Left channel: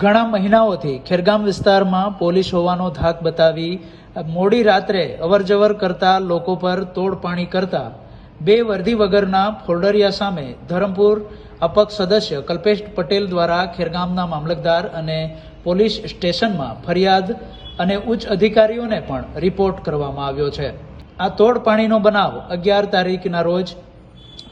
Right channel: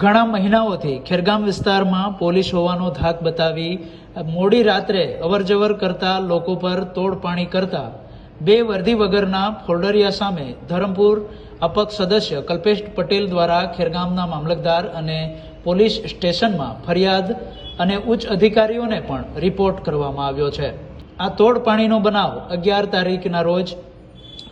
ઘણા મહિનાઓથી ખેરગામ વિસ્તારમાં પોલીસ હોવાનો ધાક બતાવી મોડી રાત્રે અવરજવર કરતા લોકો પર તોડપાણી કરતા બે વર્દી વગરના ફોલ્ડરિયા સામે ધરમપુર અપક્ષ સદસ્ય કલ્પેશ પટેલ દ્વારા ખેરગામના મામલતદાર અને પોલીસ સ્ટેશનમાં ફરિયાદ અને ઉચ્ચ અધિકારીઓને પણ રિપોર્ટ કરવામાં આવ્યો છે। આ તોડપાણીનો બનાવ 11 તારીખના રોજ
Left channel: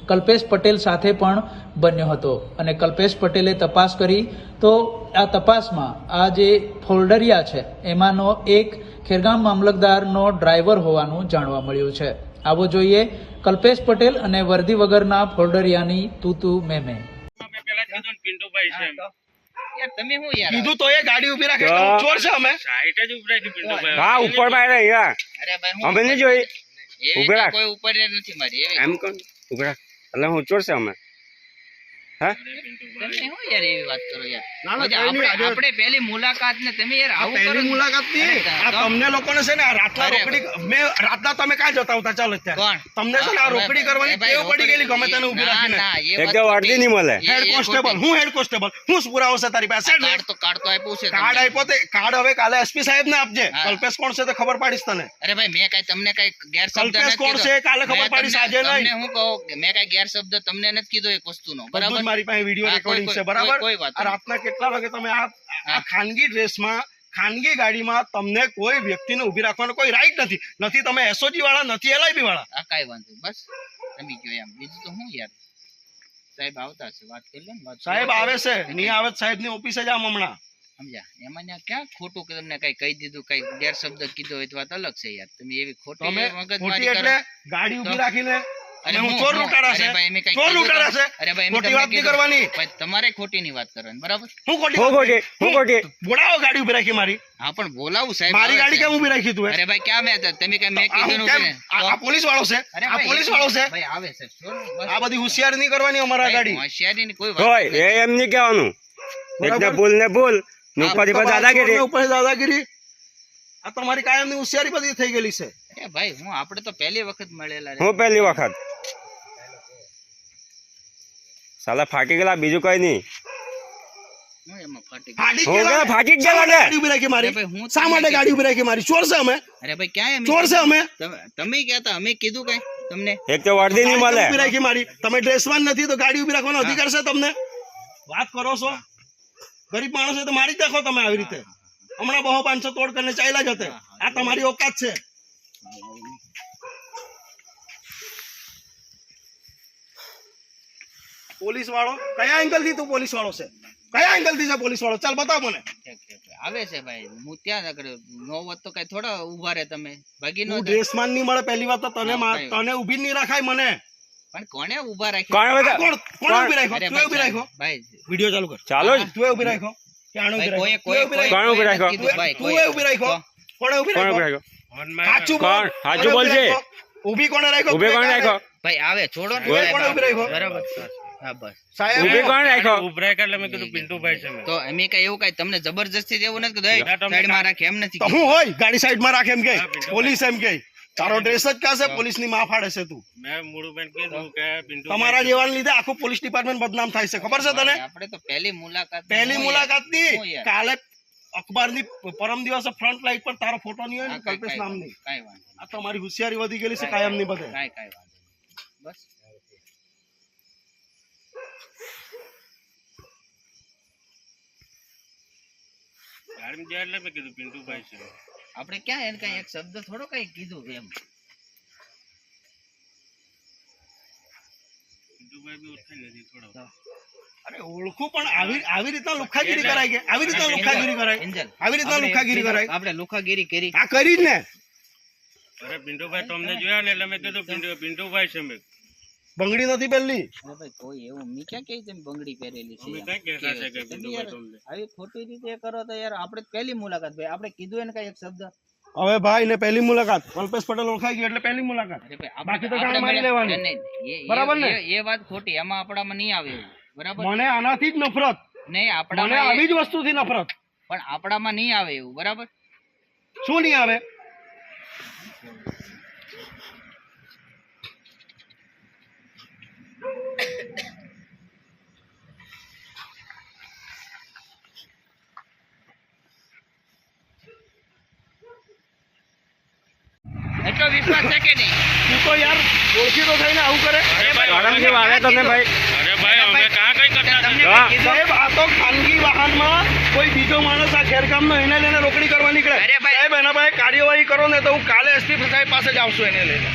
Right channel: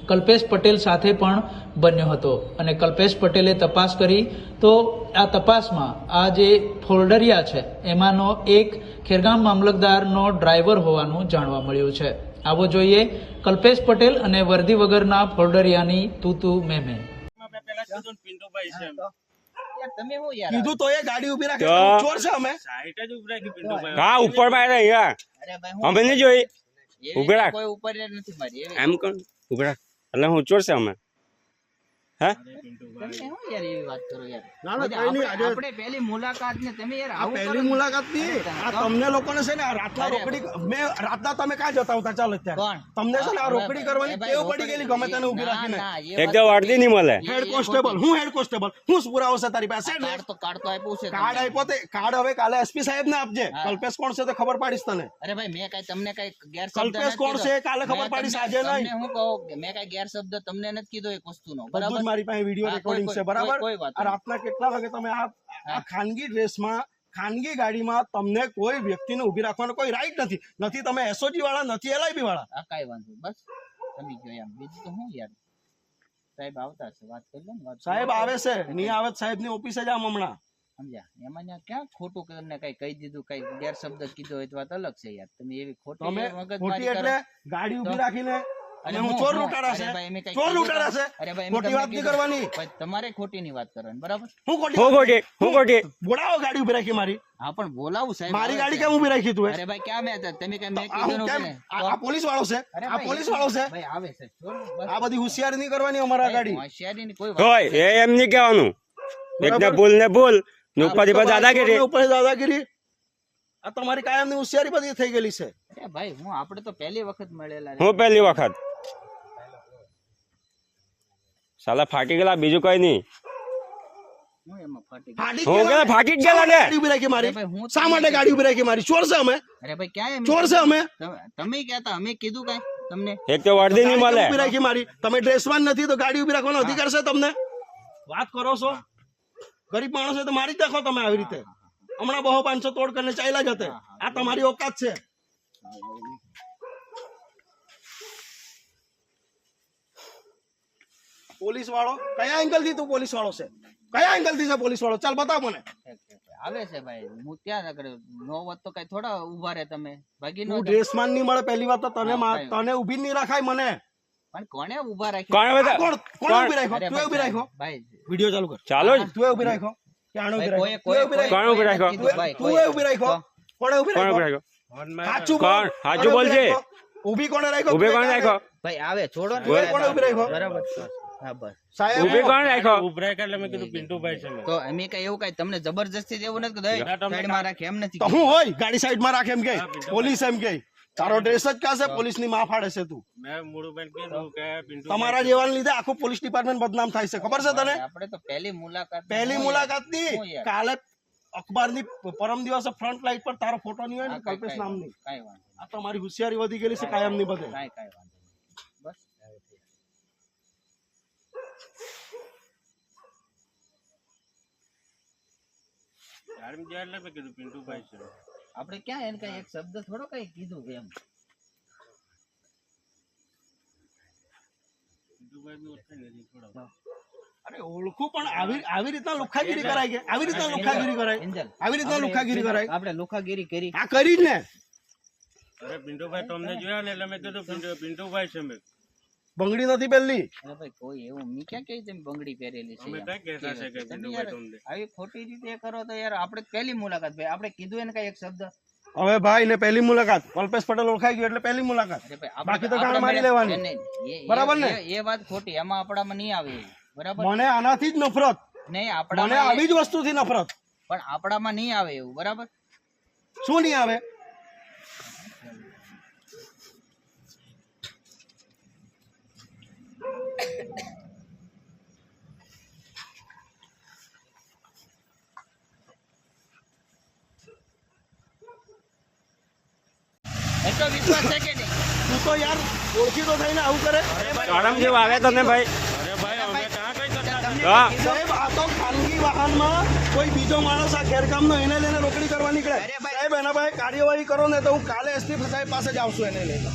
કલ્પેશ પટેલ સાથે પણ બન્યો હતો અને કલ્પેશ પટેલે તપાસ કરી તો આ તપાસમાં આ જે ફોલ્ડરિયા છે એમાંનો એક ખેરગામ મામલતદારનો ડ્રાઈવર હોવાનું જાણવા મળ્યું છે। આવો જોઈએ કલ્પેશ પટેલ અને વર્દી વગરના ફોલ્ડરિયાની તૂતુ મેમે। यार તમે હું યાર કીધું તો એ ગાડી ઊભી રાખે ચોર છે અમે સાઈડ જ ઉભરાઈ ગયું પિન્ટુભાઈ। હા ઉપર માં રહ્યા અરે ભાઈ હું અમે નહીં જોઈ એવી ઉભા રાખ। કોઈ ઉપર નથી મારી એવી એમ કોણ ઉભરા એટલે હું ચોર છે અમે હા તમે હું યાર એવી વાત કરો યાર ના, ના, આપણે કોઈ નહીં, આપણે પહેલી મુલાકાત ને તમે યાર આવું કરો પહેલી મુલાકાત ની આ તમને લોકોને છે ને આ રાતના અરે, રોકડી મેં રાતના તમે કાં જતા હતા ચાલો કોણ? અત્યારે તમને છે ને આ રોકડી કરવાની ટેવ પડી ગયેલી ગમે તેને ઊભી રાખીને એક તો વર્દી નહીં મળે હેડ કોન્સ્ટેબલ હું હેડ કોન્સ્ટેબલ હું પુરાવો છે તારી પાસે કાર્ડ તો આપ્યું છે કાર્ડ તમને। આપ્યો તે કાર્ડ હવે કાલે એસપી સાહેબ ને આપજે હા। કલ્પેશ કોણ છે તે ખબર પાડીશ તને અરે ભાઈ મેં કઈ તમને કઈ ગેરશબ્દ કલ્પેશ નથી કોણ કીધો। છે કાલે ખબર મેં પાડીશ તમને- આજે નહીં તમને હું કહું કે મેં કઈ ગેરશબ્દ તમને નથી કીધો એક વસ્તુનો બધું બરાબર જ મારી પાસે વિડીયો હા, રેકોર્ડિંગ કોઈ- છે બરાબર કોઈ વાત આ રાતના કેટલા વાગે તમે આ હા। ખાનગી ડ્રેસમાં ખાનગી ગાડીમાં તમને કોઈ વ્યક્તિને ઊભી રાખવાનો કોઈ રાઈટ નથી તમે એસઓજી વાળા નથી એલઆઈબી વાળા આ કઈ વાંધો નહીં, બસ તમે કયો એમ બીજું તો હું યાર સાહેબ આવતા છે વાત કરી લે ને વાત સાહેબ આવે છે નહીં આવે સાહેબ ની ઓફિસે જ આમ હમણાં સમજ્યા એમાં ત્યાં ક્યાં ખોટું કે તમને કઈ કહી દીધું કઈ ગેરશબ્દ કીધો હોય તો વાત અલગ છે યાર તમે એવી ખોટી તમે મગજમારી ખોટી કરો। એટલે ગાડી ઊભી તો- રાખીને અરે અને હું હું- ચોર હું- લૂંટારા અરે છે ભાઈ મેં કઈ ચોર કીધું લૂંટારા તો- છે અરે ભાઈ મેં ખોટી તમને વાત નહીં કીધું. કરવાની ભાઈ તમારે ખોટી ની વાત કરવાની બરાબર હું ખોટી હું વાત ખોટી હું ખોટી બોલાવો ગાડી ઊભી રાખી મારી હા પણ બોલાવું સાહેબ મારી આવે ગાડી છે। કેમ ઊભી રાખી તું અરે ભાઈ ક્યાં મેં તમે કઈ મેં આ કીધું હું નું કેમ કે- આ પોલીસ વાળો છે અરે આ ભાઈ, પોલીસ વાળો છે ભાઈ આવે છે છોડ, બસ। આ બધી હોશિયારી નહીં કરવાની અમારા ભાઈ, ગાડી હોશિયારીની કોઈ વાત હોય નથી। એ એમ નહીં કહેવાનું એકને ભૂલ ને ભૂલ ને ઉપર પર દાદાગીરી ઉપર દાદાગીરી આ તમારી કાયમની હોશિયારી બધી થઈ ગયેલી છે અરે ભાઈ હું આપણે તો પહેલી વખત મળેલા રે। હું પહેલી વખત સાલા ફાટી ગયેલા બીજું કઈ નહીં હું એમાં ફાટી ગયો। ફાટી હું ગયેલા. કે ફાટી જ શા ગયેલા માટે ને ગાડી ઊભી રાખી મારી અરે ભાઈ, હું શા તમને માટે ગાડી ઊભી રાખી મારી ચોર છે અમે અરે ભાઈ ક્યાં એમ ચોર છે અમે તમે કહેતા અમે કીધું કઈ તમને એક તો વર્દી નહીં ગાડી મળે કેમ ઊભી રાખી મારી તમે ડ્રેસમાં નથી તો ગાડી ઊભી રાખવાનો અધિકાર છે તમને વાત કરો છો ગરીબ માણસ તો મારી જ નાખો તમે આવી રીતે હમણાં બહુ 500 તોડ કરીને ચાલ્યા જતે આ તમારી ઓકાત છે પોલીસ વાળો કયા એંગલ થી તું પોલીસ વાળો છે કયા એંગલ થી છે પોલીસ વાળો ચાલ બતાવ મને આવે છે ભાઈ હું ત્યાં આગળ નો હોત તો કઈ થોડા ઉભા રહે તમે ભાગી નો તું ડ્રેસમાં નહીં મળે પહેલી વાત તો તને હા, કઈ તને ઊભી જ નહીં રાખાય મને પણ કોને ઉભા રાખી કોણ બધા કોણ કોણ ઊભી રાખ્યો અરે તું ઊભી રાખ્યો ભાઈ વિડિયો ચાલુ કર ચાલો જ તું ઊભી રાખ્યો કે આણે ઊભી ભાઈ, રાખ્યો તું ઊભી કોણ ઊભી રાખ્યો? કીધું ભાઈ, તું ઊભી રાખ્યો કોણે ઊભી કોણ રાખ્યો રાખ્યો સાચું કોણ? બોલ સાચું બોલજે. ઊભી કોણે રાખ્યો ઉભે કોણ રાખ્યો ભાઈ આવે છોડો ને બોલ, ભાઈ, કોણે ઊભી રાખ્યો? બરાબર હા બસ સાહેબ ઉભે કોણ રાખ્યો ઉભરાય એટલે મેં કીધું પિન્ટુભાઈ છે મેં। તો અમે કઈ એવું કઈ તમને જબરજસ્તી એવું નથી કીધું ના, તમને સાઈડ માં રાખે એમ નથી તો હું હોય ગાડી સાઈડમાં રાખે એમ કે હા, પિન્ટુ પોલીસ એમ કે તારો ડ્રેસ જ ક્યાં છે પોલીસ ની માં ફાડે છે તું મેં મૂળુભાઈને કીધું કે પિન્ટુભાઈ તમારા જેવાને લીધે આખું પોલીસ ડિપાર્ટમેન્ટ બદનામ થાય છે ખબર છે તને આપણે તો પહેલી મુલાકાત પહેલી મુલાકાત ની હું યાર. કાલે અખબારની પરમ દિવસે ફ્રન્ટ લાઈટ પર તારો ફોટો નહીં હોય ને હા, કાંઈ કલ્પેશ નામની કાંઈ વાંધો નહીં. આ તમારી હોશિયારી વધી ગયેલી છે કાયમ ની બધે કાંઈ વાંધો નહીં. બસ ગાડીમાં ગયા એટલે મેં કીધું પિન્ટુભાઈ છે આપણે ક્યાં એને કઈ એક શબ્દ થોડો કઈ કીધું એમ પિન્ટુભાઈ બી ઓળખાય નથી થોડો અરે ઓળખું પણ આવી રીતના લુખાગીરી કરાય કે આવી રીતના લુખાગીરી કરાય એન્જલ આવી રીતના લુખાગીરી કરાય આપણે લુખાગીરી કરી આ કરી જ ને અરે પિન્ટુભાઈ તમને જોયા ને એટલે મેં કીધું પિન્ટુભાઈ છે મેં બંગડી નથી પહેલી અરે ભાઈ કોઈ એવું મી ક્યાં કહી તમે બંગડી પહેરેલી છે અમે યાર? કઈ કહેતા છે કે તમે પિન્ટુભાઈ યાર તમને આવી ખોટી રીતે કરો તો યાર આપણે પહેલી મુલાકાત ભાઈ આપણે કીધું એને કઈ એક શબ્દ હવે ભાઈ ને પહેલી મુલાકાત કલ્પેશ પટેલ ઓળખાઈ ગયો એટલે પહેલી મુલાકાત અરે ભાઈ બાકી તો આપણે ગાળ મારી લેવાની. નહીં, નહીં, બરાબર ને? એ વાત ખોટી એમાં આપણામાં નહીં આવે એવું બરાબર મને આનાથી જ નફરત નહીં મને આપણામાં આવી જ વસ્તુથી નફરત પણ આપણામાં નહીં આવે એવું બરાબર શું નહીં આવે એટલો વિશ્વાસ છે કે નહીં? તું તો યાર ઓળખીતો થઈને આવું કરે. અરે ભાઈ આરામથી વાવે તમને ભાઈ. અરે ભાઈ અમે કાં કઈ કરતા તમને હતા? હા. કઈ કીધું? સાહેબ આ તો ખાનગી વાહનમાં કોઈ બીજો માણસ આ ગેરકામનો એને લઈને રોકડી કરવા નીકળે. અરે ભાઈ. સાહેબ એના પાસે કાર્યવાહી કરો ને તો હું કાલે એસપી સાહેબ પાસે જ આવશું એને લઈને.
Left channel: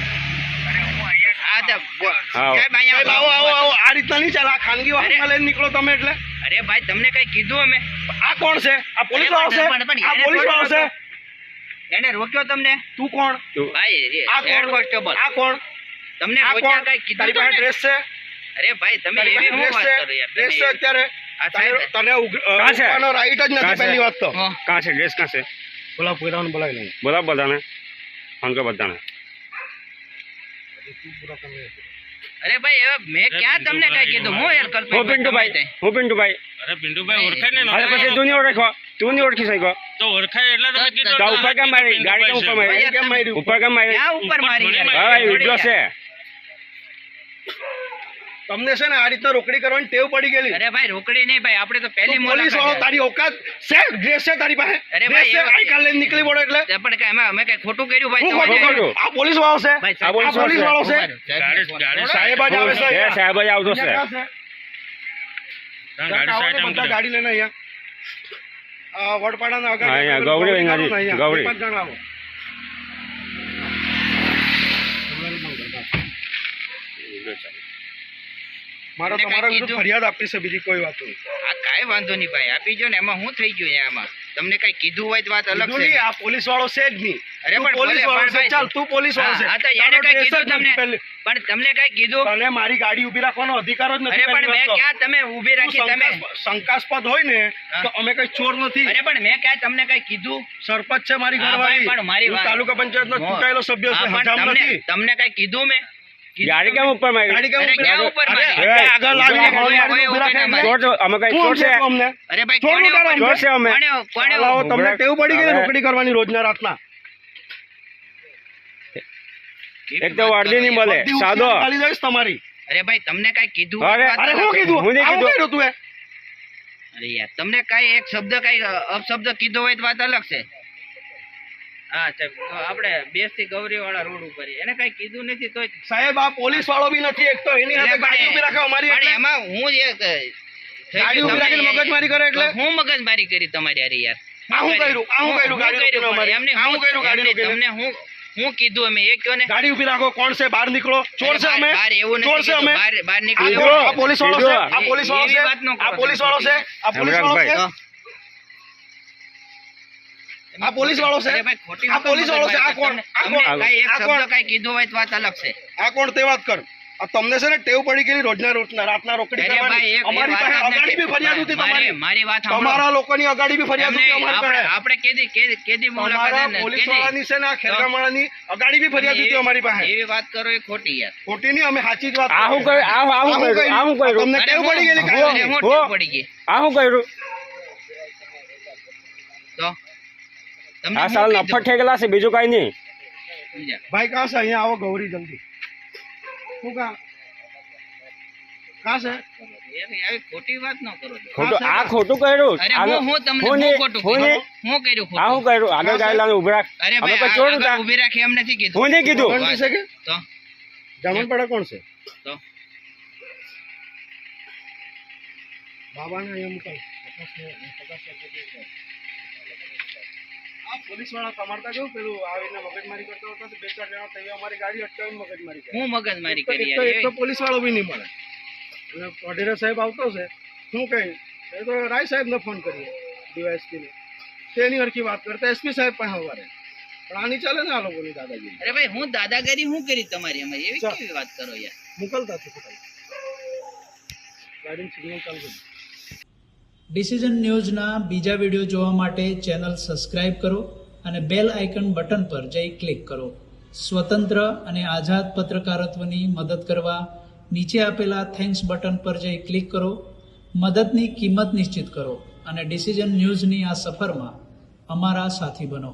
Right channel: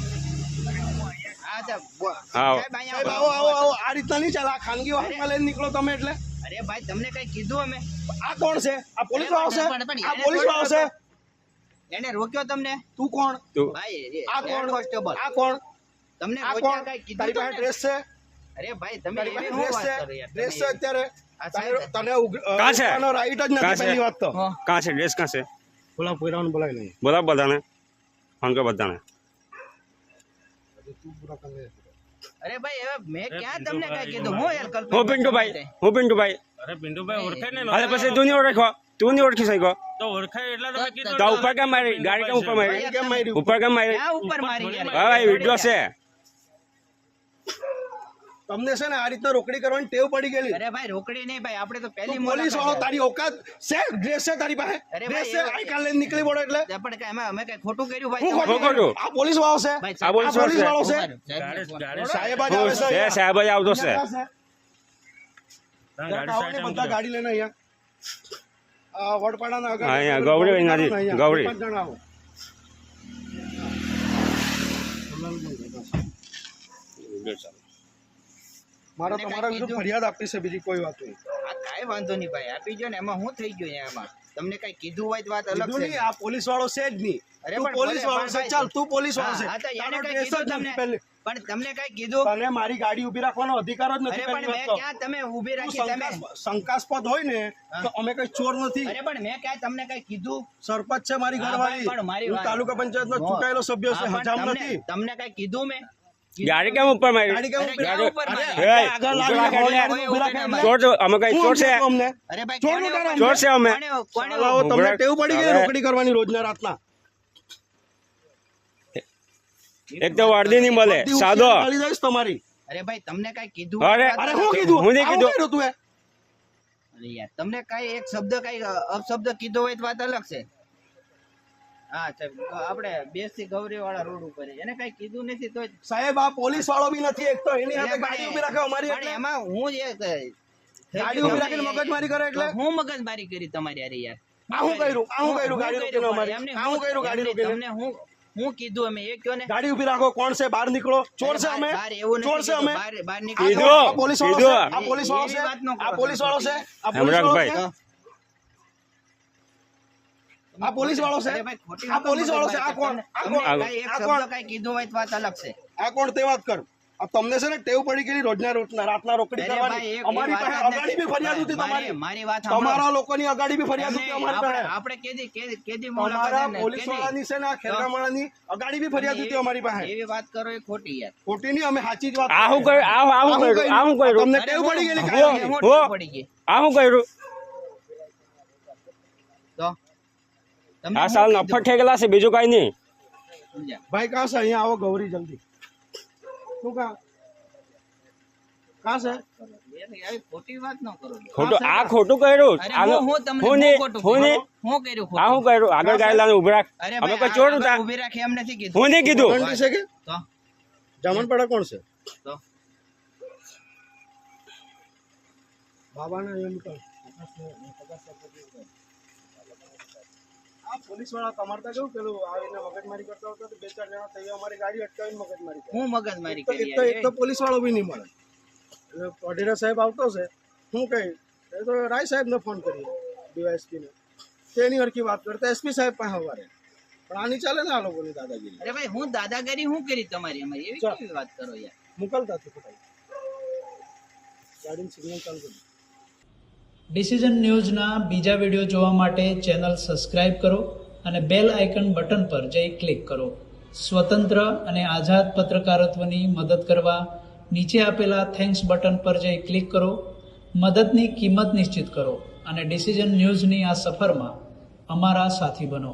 હા તો આવો. સાહેબ અહીંયા સાહેબ આવો આવો આવો, આ રીતના નહીં ચાલે. આ ખાનગી વાહનમાં લઈને નીકળો તમે એટલે. અરે ભાઈ તમને કઈ કીધું અમે? આ કોણ છે? આ પોલીસ વાળો છે? પણ આ એને પોલીસ વાળો છે? એને રોક્યો તમને? તું કોણ? ભાઈ આ હેડ કોણ? કોન્સ્ટેબલ આ કોણ? તમને આ રોક્યા કોણ? કઈ તારી કીધું પાસે તમને? ડ્રેસ છે? અરે ભાઈ તમે તારી એવી પાસે હું ડ્રેસ વાત છે? કરો યાર ડ્રેસ છે તમે? અત્યારે? આ સાહેબ તને કાં છે? ઉગવાનો રાઈટ જ કાં નથી છે? પહેલી વાત તો. હા. કાં છે ડ્રેસ કાં છે? બોલા પોઈરાને બોલાવી લઈએ. બોલા બધાને ફોન કર બધાને. અરે ભાઈ હવે મેં ક્યાં તમને કઈ કીધું? હું યાર હું કલ્પેશ પિન્ટુભાઈ હું પિન્ટુભાઈ. અરે પિન્ટુભાઈ ઓળખાય ને હવે પછી તું નહીં ઓળખો, તું નહીં ઓળખી શક્યો તો ઓળખાય એટલે તમે કીધું તો ઉપર કેમ મારી ગાડી કેમ ઉપર મારી કેમ માર્યું? ઉપર કેમ મારી? ક્યાં ઉપર મારી યાર? હા ભાઈ વિડીયો છે. તમને છે ને આ રીતના રોકડી કરવાની ટેવ પડી ગયેલી. અરે ભાઈ રોકડી નહીં ભાઈ, આપણે તો પહેલી તું પોલીસ વાળો, મુલાકાત તારી ઓકાત છે? ડ્રેસ છે તારી પાસે? અરે ડ્રેસ ભાઈ, છે? આઈ કાર્ડ લઈને નીકળી પડો એટલે છે. પણ કઈ એમાં અમે કઈ ખોટું કર્યું ભાઈ? હું તમારે? ખોટું કર્યું? આ પોલીસ વાળો છે? ભાઈ, આ પોલીસ આ પોલીસ વાળો છે? ગાડી સાહેબ જ આવે છે છે અહીંયા. સાહેબ જ આવતો છે. અહીંયા ક્યાં છે? ગાડી સાઈડ આમ બધા ગાડી લઈને અહીંયા વડપાડાના આગળ હા, અહીંયા ગૌરી અહીંયાથી, અહીંયા. ગૌરી. 5 જણ આવો. મારે એને તમારા કાંઈ વિરુદ્ધ કીધું? ફરિયાદ આપી છે, બીજી કોઈ વાત નહીં. આ કાંઈ વાંધો નહીં ભાઈ, આપી જો ને. એમાં હું થઈ ગયું એમાં? તમને કઈ કીધું હોય તો વાત અલગ કીધું છે. નહીં, આ પોલીસ વાળો છે જ નહીં. અરે તું પણ પોલીસ બોલે, વાળો પણ છે. ભાઈ, ચાલ તું પોલીસ વાળો છે. હા, તો એને તારો કઈ dress જ કીધું નથી તમને? પહેલી. પણ તમને કઈ કીધું? તને મારી ગાડી ઊભી રાખવાનો અધિકાર જ નથી. અરે પણ પહેલી મેં વાત તો. ક્યાં તમે ઊભી તું રાખી? તમે શંકાસ્પદ હોય ને હા. તો અમે કઈ ચોર નથી. અરે પણ મેં ક્યાં તમને કઈ કીધું? સરપંચ છે મારી હા, ભાઈ, પણ મારી ઘરવાળી. હું વાત- તાલુકા પંચાયતનો ચૂંટાયેલો સભ્ય હા, છે. પણ હજામ તમને નથી. તમને કઈ કીધું મેં? ગાડી કેમ ઉપર મારી? ગાડી કેમ અરે ઊભી ક્યાં રાખો? ઉપર અરે, મારી? અહીંયા આગળ લાવીને ઉપર ગાડી મારી. ઊભી રાખે એટલે? ચોર છો અમે કઈ શું ચોર છે? સમજાતું અમને? અરે ભાઈ ચોર કોને ઉતારો ઉપર- ચોર છે અમે. કોને લાવો, તમને ટેવ પડી ગઈ ને હવે- રોકડી કરવાની રોજના રાતના. એક તો વર્દી નહીં મળે બધી સાદો. ઉશ્કેરણી ખાલી જઈશ તમારી. અરે ભાઈ તમને કઈ કીધું? અરે, વાત અરે અલગ શું છે. કીધું? હું નહીં આવું કીધું. કર્યું તું એ? અરે યાર તમને કઈ એક શબ્દ કઈ અપશબ્દ કીધો હોય તો વાત અલગ છે. હા સાહેબ, તો આપણે બેસથી ગૌરી વાળા રોડ ઉપર એને કઈ કીધું નથી તો સાહેબ આ પોલીસ વાળો બી નથી. એક તો એની હાથે ગાડી ઊભી રાખે અમારી એટલે. એમાં હું જ એક ગાડી ઊભી રાખીને મગજમારી કરે એટલે? હું મગજમારી કરી તમારી અરે યાર. આ હું કર્યું? આ હું કર્યું? ગાડી રોકીને અમારી? એમને આ હું કર્યું? ગાડી રોકીને? તમને હું કીધું અમે એ કયો ને? ગાડી ઊભી રાખો. કોણ છે? બહાર નીકળો. ચોર છે અમે? બહાર એવું ચોર નથી છે અમે? કીધું. બહાર આ નીકળી કીધું. જાઓ. આ પોલીસ વાળો છે? કીધું. આ પોલીસ વાળો એવી છે? વાત ન કરો આ પોલીસ વાળો છે? આ પોલીસ વાળો છે? તો આ પોલીસ વાળો છે? અરે ભાઈ, ખોટી આ પોલીસ વાળો છે? આ કોણ? આ કોણ? તમને કઈ એક આ શબ્દ કોણ? કઈ કીધું હોય તો વાત અલગ છે. આ કોણ તે વાત કર. આ તમને છે ને ટેવ પડી ગયેલી રોજના રાતના રોકડી અરે ભાઈ, કરવાની. એક અમારી વાત પાસે જ અગાડી નથી. બી ફરિયાદ હતી તમારી. મારી વાત સાંભળો. તમારા લોકોની અગાડી બી ફરિયાદ હતી એમને અમારી પાસે. આપણે કેદી તમારા મુલાકાત પોલીસ વાળાની છે ને આ ખેરગામવાળાની અગાડી બી ફરિયાદ હતી અમારી પાસે. એવી વાત કરો એ ખોટી યાર. ખોટી નહીં, અમે સાચી જ વાત આ હું કરીએ. કર્યું? આ હું કર્યું? આ હું કર્યું? તમને અરે ટેવ પડી ગયેલી હું કાયદાની. ટેવ પડી ગઈ. આ હું કર્યું? તો તમને આ હું સાલ કીધું? નફટ થઈ ગયેલા છે બીજું કઈ નહીં. સમજ્યા? ભાઈ કાં છે? અહીંયા આવો ગૌરી જલ્દી. શું કાં છે? આવી ખોટી વાત ન કરો. ખોટું આ ખોટું કર્યું. અરે આનો- હું તમને હું હું નહીં, ખોટું હું કીધું? નહીં. હું કર્યું આ હું ખોટું? કર્યું? આગળ ગાડી લાવીને ઉભી રાખ. અરે અમે ભાઈ કોઈ ચોર આગળ હતા? ઊભી રાખી એમ નથી કીધું. હું નહીં કીધું. ગૌરી છે કે તો જામનપાડા કોણ છે? તો બાબાને અહીંયા મૂકો. આ પોલીસ વાળા તમારતા કેવું પેલું આવીને મગજમારી કરતા હતા તો 2-4 જણા તૈયાર અમારી ગાડી અટકાવીને મગજમારી કરે. હું મગજમારી કરી એક તો યાર. પોલીસ વાળો બી નહીં મળે. એટલે વઢેરા સાહેબ આવતો છે. શું કહે એ તો રાય સાહેબને ફોન કરીએ ડીવાયએસપીને. તેની હરખી વાત કરતા એસપી સાહેબ પાસે સવારે. પણ આની ચાલે ને આ લોકોની દાદાગીરી. અરે ભાઈ હું દાદાગીરી હું કરી તમારી એમાં? એવી ચાલ. કેવી વાત કરો યાર? મોકલતા હતી પોતાને. ગાડીનું સિગ્નલ ચાલુ કરી. ડિસિઝન ન્યૂઝના બીજા વિડીયો જોવા માટે ચેનલ સબસ્ક્રાઇબ કરો અને બેલ આઇકન બટન પર જઈ ક્લિક કરો. સ્વતંત્ર અને આઝાદ પત્રકારત્વની મદદ કરવા નીચે આપેલા થેન્ક્સ બટન પર જઈ ક્લિક કરો. મદદની કિંમત નિશ્ચિત કરો અને ડિસિઝન ન્યૂઝની આ સફરમાં અમારા સાથી બનો.